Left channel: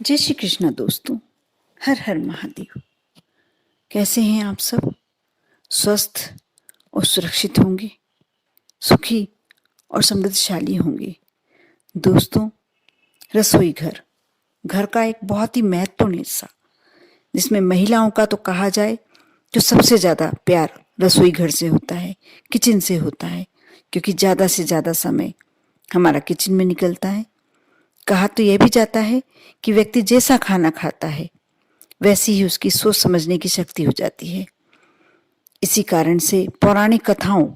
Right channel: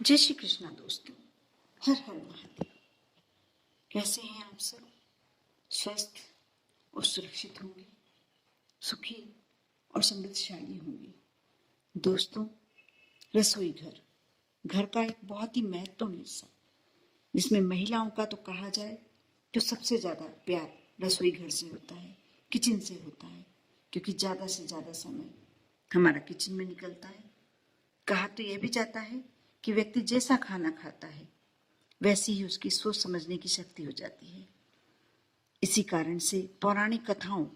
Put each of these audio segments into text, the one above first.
जय श्री कृष्णा दोस्तों। हर हर महादेव। कैसे हैं आप सब? स्वस्थ और सुरक्षित होंगे, सुखी और समृद्धशाली होंगे। दोस्तों, रसोई घर घर का एक बहुत ही महत्वपूर्ण हिस्सा, जिसमें महिलाओं का तो कहा जाए तो सबसे ज़्यादा प्यार रसोई घर से होता है, किचन से होता है, क्योंकि ज़्यादा से ज़्यादा समय हमारा किचन में निकलता है। कहा तो यह भी जाता है कि व्यक्ति जैसा खाना खाता है वैसी ही उसकी सोच समझने की शक्ति हो जाती है। इसी कारण से पौराणिक कथाओं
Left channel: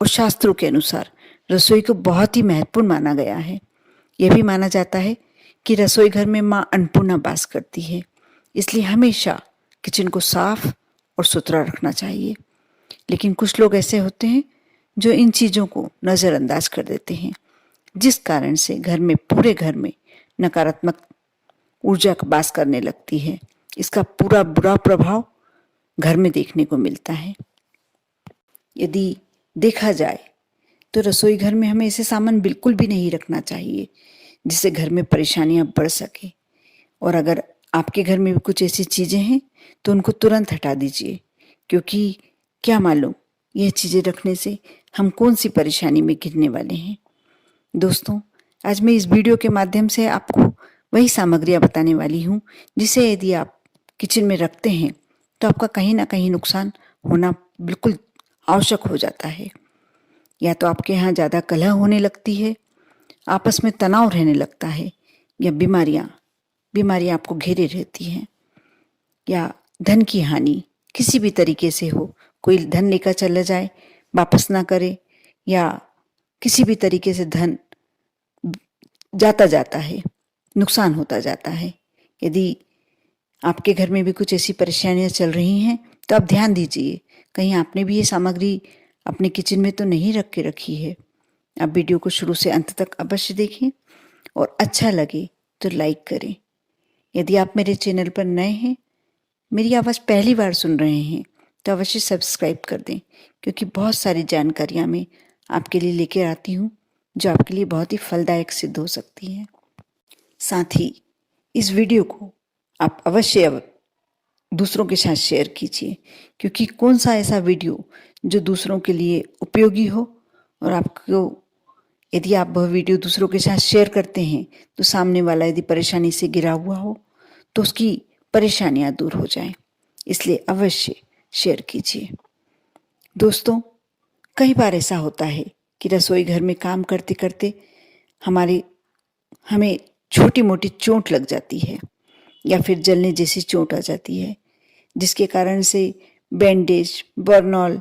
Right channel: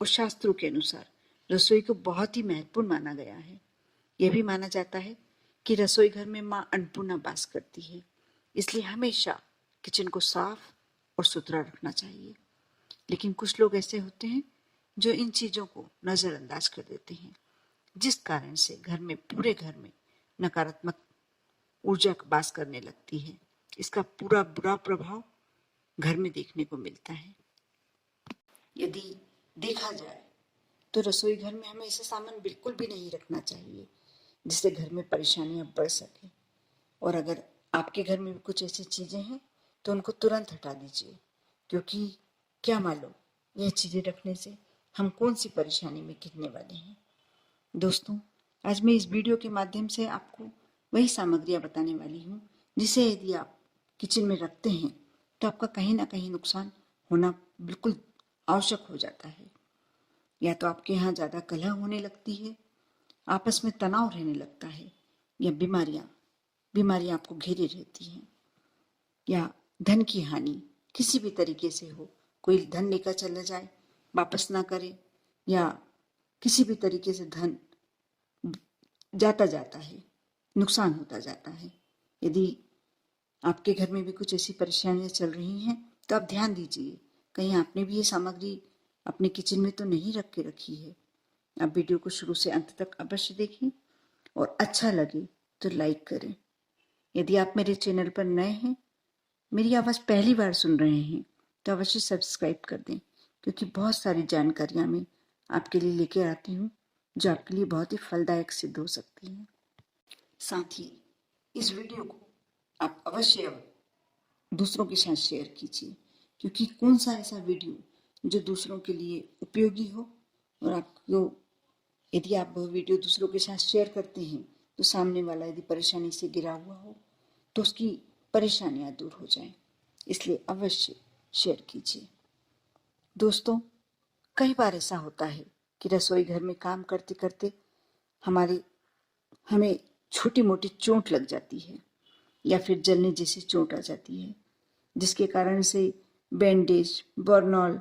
और शास्त्रों के अनुसार रसोई को बहुत ही महत्वपूर्ण माना गया है। यह भी माना जाता है कि रसोई घर में माँ अन्नपूर्णा वास करती है, इसलिए हमेशा किचन को साफ और सुथरा रखना चाहिए। लेकिन कुछ लोग ऐसे होते हैं जो इन चीज़ों को नज़रअंदाज कर देते हैं, जिस कारण से पूरे घर में नकारात्मक ऊर्जा वास करने लगती है। इसका पूरा बुरा प्रभाव घर में देखने को मिलता है। यदि देखा जाए तो रसोई घर में हमें ऐसे सामान बिल्कुल भी नहीं रखना चाहिए जिससे घर में परेशानियां बढ़ सके। और अगर आपके घर में भी कुछ ऐसी चीज़ें हैं तो उनको तुरंत हटा दीजिए, क्योंकि क्या मालूम यह चीज़ें रखने से हम कौन सी परेशानी में घिरने वाले हैं। दोस्तों, आज मैं इस वीडियो के माध्यम से आपको वही सामग्रियां बताने वाली हूँ जिसे यदि आप किचन में रखते हैं तो आपका कहीं ना कहीं नुकसान होना बिल्कुल आवश्यक हो जाता है। या तो आपके यहाँ ज़्यादा कलह होने लगती है, आपस में तनाव रहने लगता है, या बीमारियाँ आपको घेरे रहती हैं, या धन की हानि किसी भी तरीके से हो। कोई धन लेकर चला जाए, वापस ना करे, या किसी भी तरीके से धन जाता है, नुकसान होता जाता है। यदि आपके घर में भी कुछ ऐसी परेशानियां चल रही हैं तो आप ध्यान दीजिए, कहीं आपने भी ये सामग्री अपने किचन में तो नहीं रख के रखी है। आप वीडियो को शुरू से अंत तक अवश्य देखें और अच्छा लगे तो लाइक करें। यदि आप मेरे चैनल पर नए हैं, मेरी आवाज़ पहली बार सुन रहे हैं, तो अवश्य सब्सक्राइब कर दें, क्योंकि बहुत सारी जानकारियाँ मैं आपके लिए लेकर आती हूँ जो आपके लिए बहुत ही फलदायक सिद्ध हो सकती हैं। साथ ही इस वीडियो को आप अवश्य दूसरों के साथ शेयर कीजिए, क्योंकि कौन सा ऐसा वीडियो जो दूसरों के लिए उपयोगी हो, और आपको यदि आप वह वीडियो दूसरों के साथ शेयर करते हैं तो सामने वाला यदि परेशानी से घिरा हुआ हो तो उसकी परेशानियां दूर हो जाएं। इसलिए अवश्य शेयर कीजिए। दोस्तों, कई बार ऐसा होता है कि रसोई घर में काम करते करते हमें छोटी मोटी चोट लग जाती है, या फिर जलने जैसी चोट आ जाती है, जिसके कारण से बैंडेज, बर्नॉल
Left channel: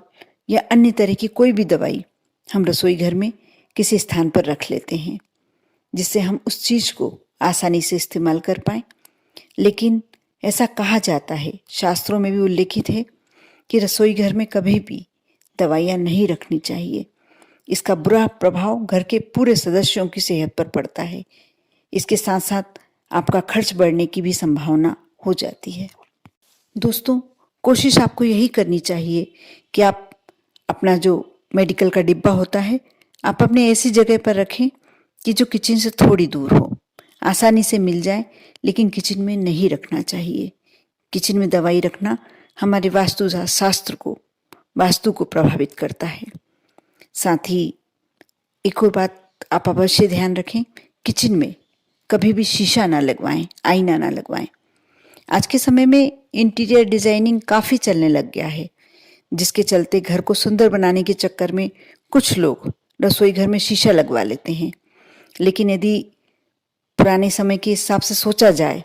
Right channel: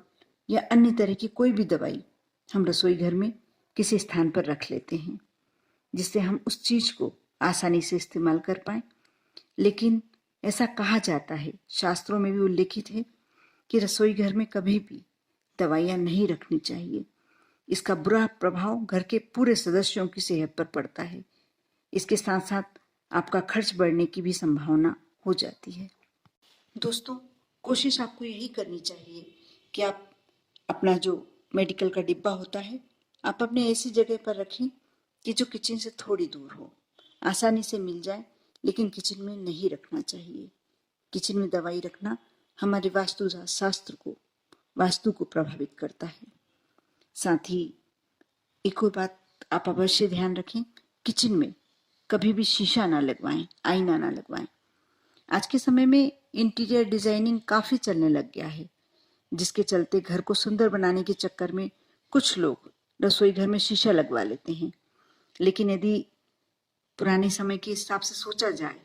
या अन्य तरह की कोई भी दवाई हम रसोई घर में किसी स्थान पर रख लेते हैं, जिससे हम उस चीज़ को आसानी से इस्तेमाल कर पाएं। लेकिन ऐसा कहा जाता है, शास्त्रों में भी उल्लेखित है, कि रसोई घर में कभी भी दवाइयाँ नहीं रखनी चाहिए। इसका बुरा प्रभाव घर के पूरे सदस्यों की सेहत पर पड़ता है। इसके साथ साथ आपका खर्च बढ़ने की भी संभावना हो जाती है। दोस्तों, कोशिश आपको यही करनी चाहिए कि आप अपना जो मेडिकल का डिब्बा होता है, आप अपने ऐसी जगह पर रखें कि जो किचन से थोड़ी दूर हो, आसानी से मिल जाए, लेकिन किचन में नहीं रखना चाहिए। किचन में दवाई रखना हमारे वास्तु को प्रभावित करता है। साथ ही एक और बात आप अवश्य ध्यान रखें, किचन में कभी भी शीशा ना लगवाएं, आईना ना लगवाएं। आज के समय में इंटीरियर डिजाइनिंग काफ़ी चलने लग गया है, जिसके चलते घर को सुंदर बनाने के चक्कर में कुछ लोग रसोई घर में शीशा लगवा लेते हैं। लेकिन यदि पुराने समय के हिसाब से सोचा जाए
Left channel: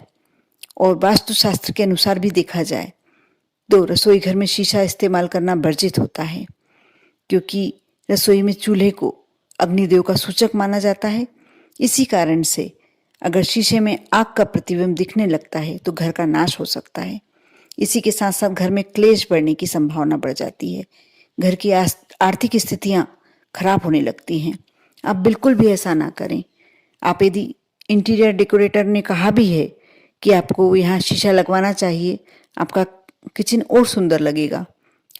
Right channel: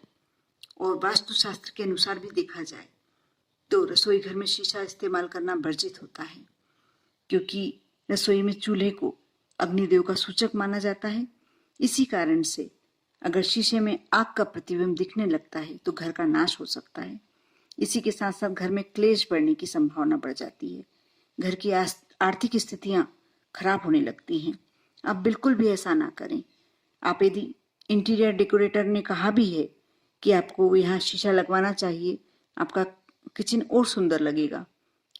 और वास्तुशास्त्र के अनुसार भी देखा जाए तो रसोई घर में शीशा इस्तेमाल करना वर्जित होता है, क्योंकि रसोई में चूल्हे को अग्निदेव का सूचक माना जाता है। इसी कारण से अगर शीशे में आग का प्रतिबिंब दिखने लगता है तो घर का नाश हो सकता है। इसी के साथ साथ घर में क्लेश बढ़ने की संभावना बढ़ जाती है, घर की आर्थिक स्थितियां खराब होने लगती हैं। आप बिल्कुल भी ऐसा ना करें। आप यदि इंटीरियर डेकोरेटर ने कहा भी है कि आपको यहाँ शीशा लगवाना चाहिए, आपका किचन और सुंदर लगेगा,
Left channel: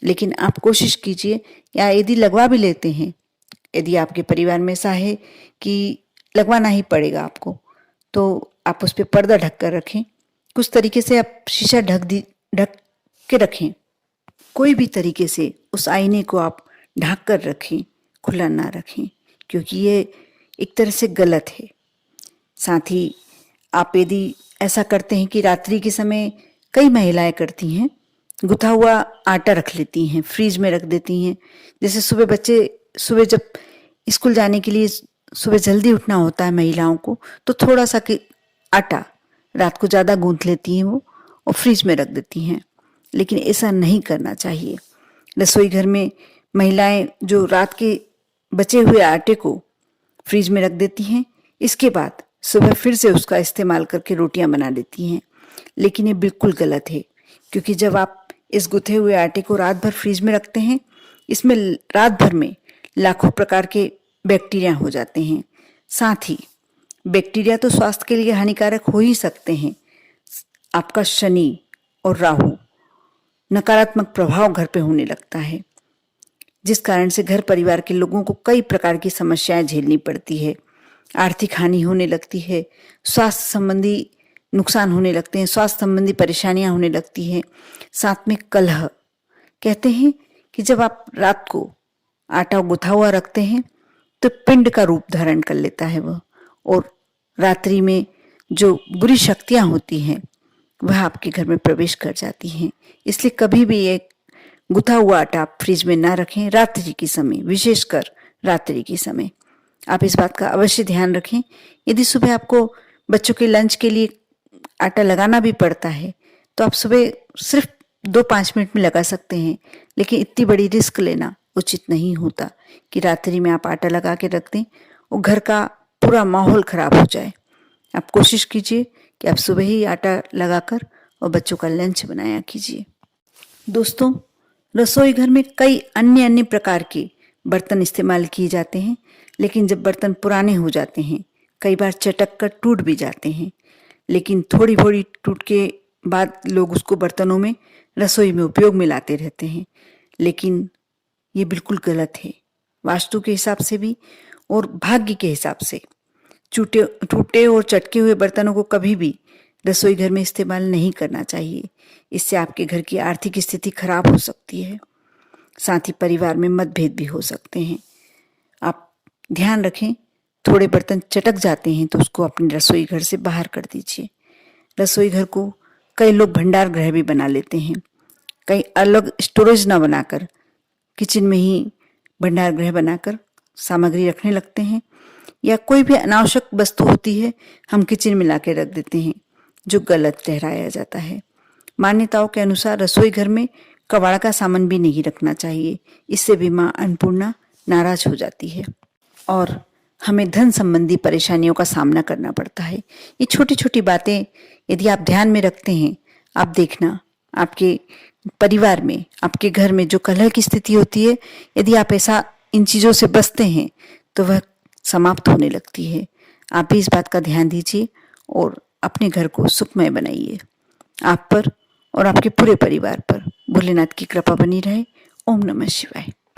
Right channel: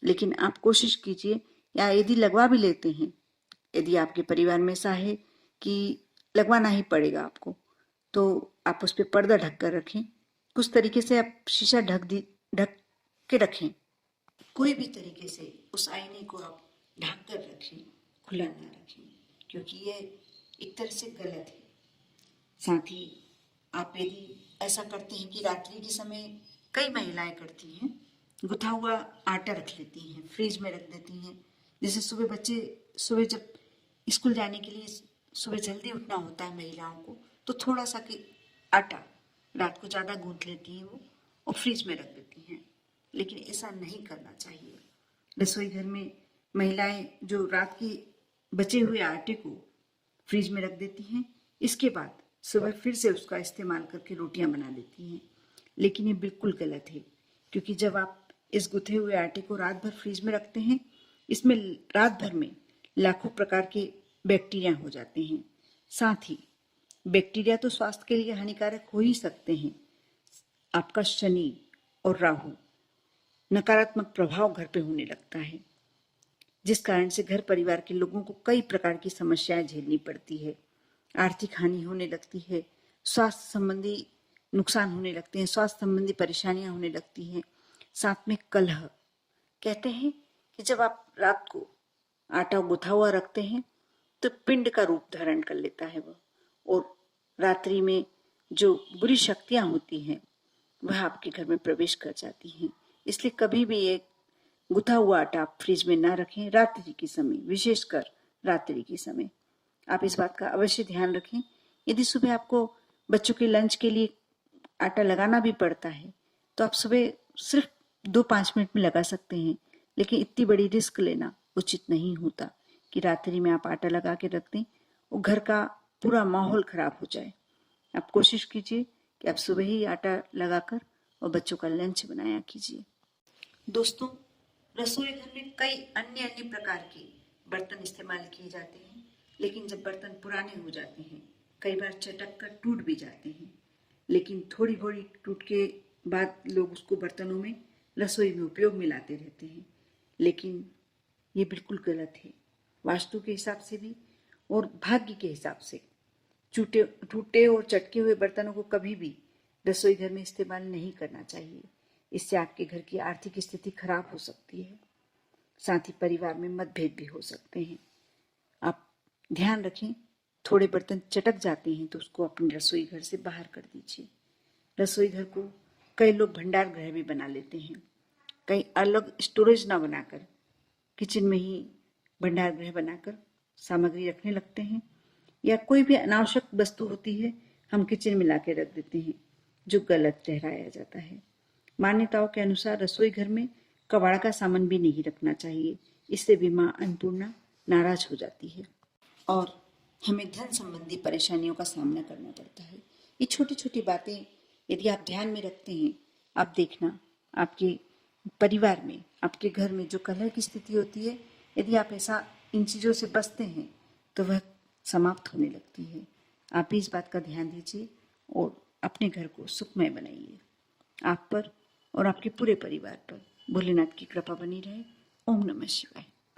लेकिन आप कोशिश कीजिए, या यदि लगवा भी लेते हैं, यदि आपके परिवार में ऐसा है कि लगवाना ही पड़ेगा आपको, तो आप उस पर पर्दा ढक कर रखें। कुछ तरीके से आप शीशा ढक के रखें। कोई भी तरीके से उस आईने को आप ढक कर रखें, खुला ना रखें, क्योंकि ये एक तरह से गलत है। साथ ही आप यदि ऐसा करते हैं कि रात्रि के समय कई महिलाएं करती हैं, गुथा हुआ आटा रख लेती हैं, फ्रीज में रख देती हैं। जैसे सुबह जब स्कूल जाने के लिए सुबह जल्दी उठना होता है महिलाओं को, तो थोड़ा सा आटा रात को ज़्यादा गूंथ लेती हैं वो और फ्रीज में रख देती हैं। लेकिन ऐसा नहीं करना चाहिए। रसोई घर में महिलाएं जो रात के बचे हुए आटे को फ्रीज में रख देती हैं, इसके बाद सुबह फिर से उसका इस्तेमाल करके रोटियां बना लेती हैं। लेकिन ये बिल्कुल गलत है, क्योंकि जब आप इस गुथे हुए आटे को रात भर फ्रीज में रखते हैं, इसमें रात भर में लाखों प्रकार के बैक्टीरिया हो जाते हैं। साथ ही बैक्टीरिया तो स्वास्थ्य के लिए हानिकारक हो ही सकते हैं। आपका शनि और राहु नकारात्मक प्रभाव घर पे होने लगता है, जिस कारण से घर परिवार के लोगों को कई प्रकार की समस्याएं झेलनी पड़ती है। आर्थिक हानि होने लगती है, स्वास्थ्य संबंधी नुकसान होने लगते हैं, स्वास्थ्य संबंधी परेशानियां होने लगती हैं। साथ में कलह। कहते हैं कि जब आप रात को आटा गुथा हुआ रखते हैं तो पिंड का रूप धारण कर लेता है वह, और रात्रि में जो बुरी शक्तियां होती हैं वह आपके घर में प्रवेश कर जाती हैं। इसलिए कभी भी एक गुथा हुआ आटा आप फ्रिज में ना रखें रात्रि के समय, विशेषकर रात्रि के समय। आप इस बात का अवश्य ध्यान रखें। यदि सुबह आपको बच्चों के लंच के लिए आटा लगाना भी पड़ता है तो आप सुबह सिर्फ 2-5 मिनट में लगा सकते हैं, लेकिन इतनी बड़ी रिस्क लेना उचित नहीं होता कि रात्रि में आप आटा लगा के रख दें और घर का पूरा माहौल खराब हो जाए। आप कोशिश कीजिए कि आप सुबह ही आटा लगाकर और बच्चों का लंच बनाया कीजिए। दोस्तों, रसोई घर में कई अन्य प्रकार के बर्तन इस्तेमाल किए जाते हैं, लेकिन जब बर्तन पुराने हो जाते हैं, कई बार चटक कर टूट भी जाते हैं। लेकिन थोड़ी थोड़ी टूट के बाद लोग उसको बर्तनों में रसोई में उपयोग में लाते रहते हैं, लेकिन ये बिल्कुल गलत है। वास्तु के हिसाब से भी और भाग्य के हिसाब से टूटे और चटके हुए बर्तनों को कभी भी रसोई घर में इस्तेमाल नहीं करना चाहिए। इससे आपके घर की आर्थिक स्थिति खराब हो सकती है। साथ ही परिवार में मतभेद भी हो सकते हैं। आप ध्यान रखें, थोड़े बर्तन चटक जाते हैं तो उसको अपने रसोई घर से बाहर कर दीजिए। रसोई घर को कई लोग भंडार गृह भी बना लेते हैं। कई अलग स्टोरेज ना बनाकर किचन में ही भंडार गृह बनाकर सामग्री रखने लगते हैं, या कोई भी अनावश्यक वस्तु होती है हम किचन में ला के रख देते हैं, जो गलत ठहराया जाता है। मान्यताओं के अनुसार रसोई घर में कबाड़ का सामान भी नहीं रखना चाहिए। इससे भी माँ अन्नपूर्णा नाराज हो जाती है और हमें धन संबंधी परेशानियों का सामना करना पड़ता है। ये छोटी छोटी बातें यदि आप ध्यान में रखते हैं, आप देखना आपके परिवार में, आपके घर में जो कलह की स्थिति होती है, यदि आप ऐसा इन चीज़ों से बचते हैं तो वह समाप्त होने लगती है। आप भी इस बात का ध्यान दीजिए और अपने घर को सुखमय बनाइए। आप पर और आपके पूरे परिवार पर भोलेनाथ की कृपा बनी रहे। ओम नमः शिवाय।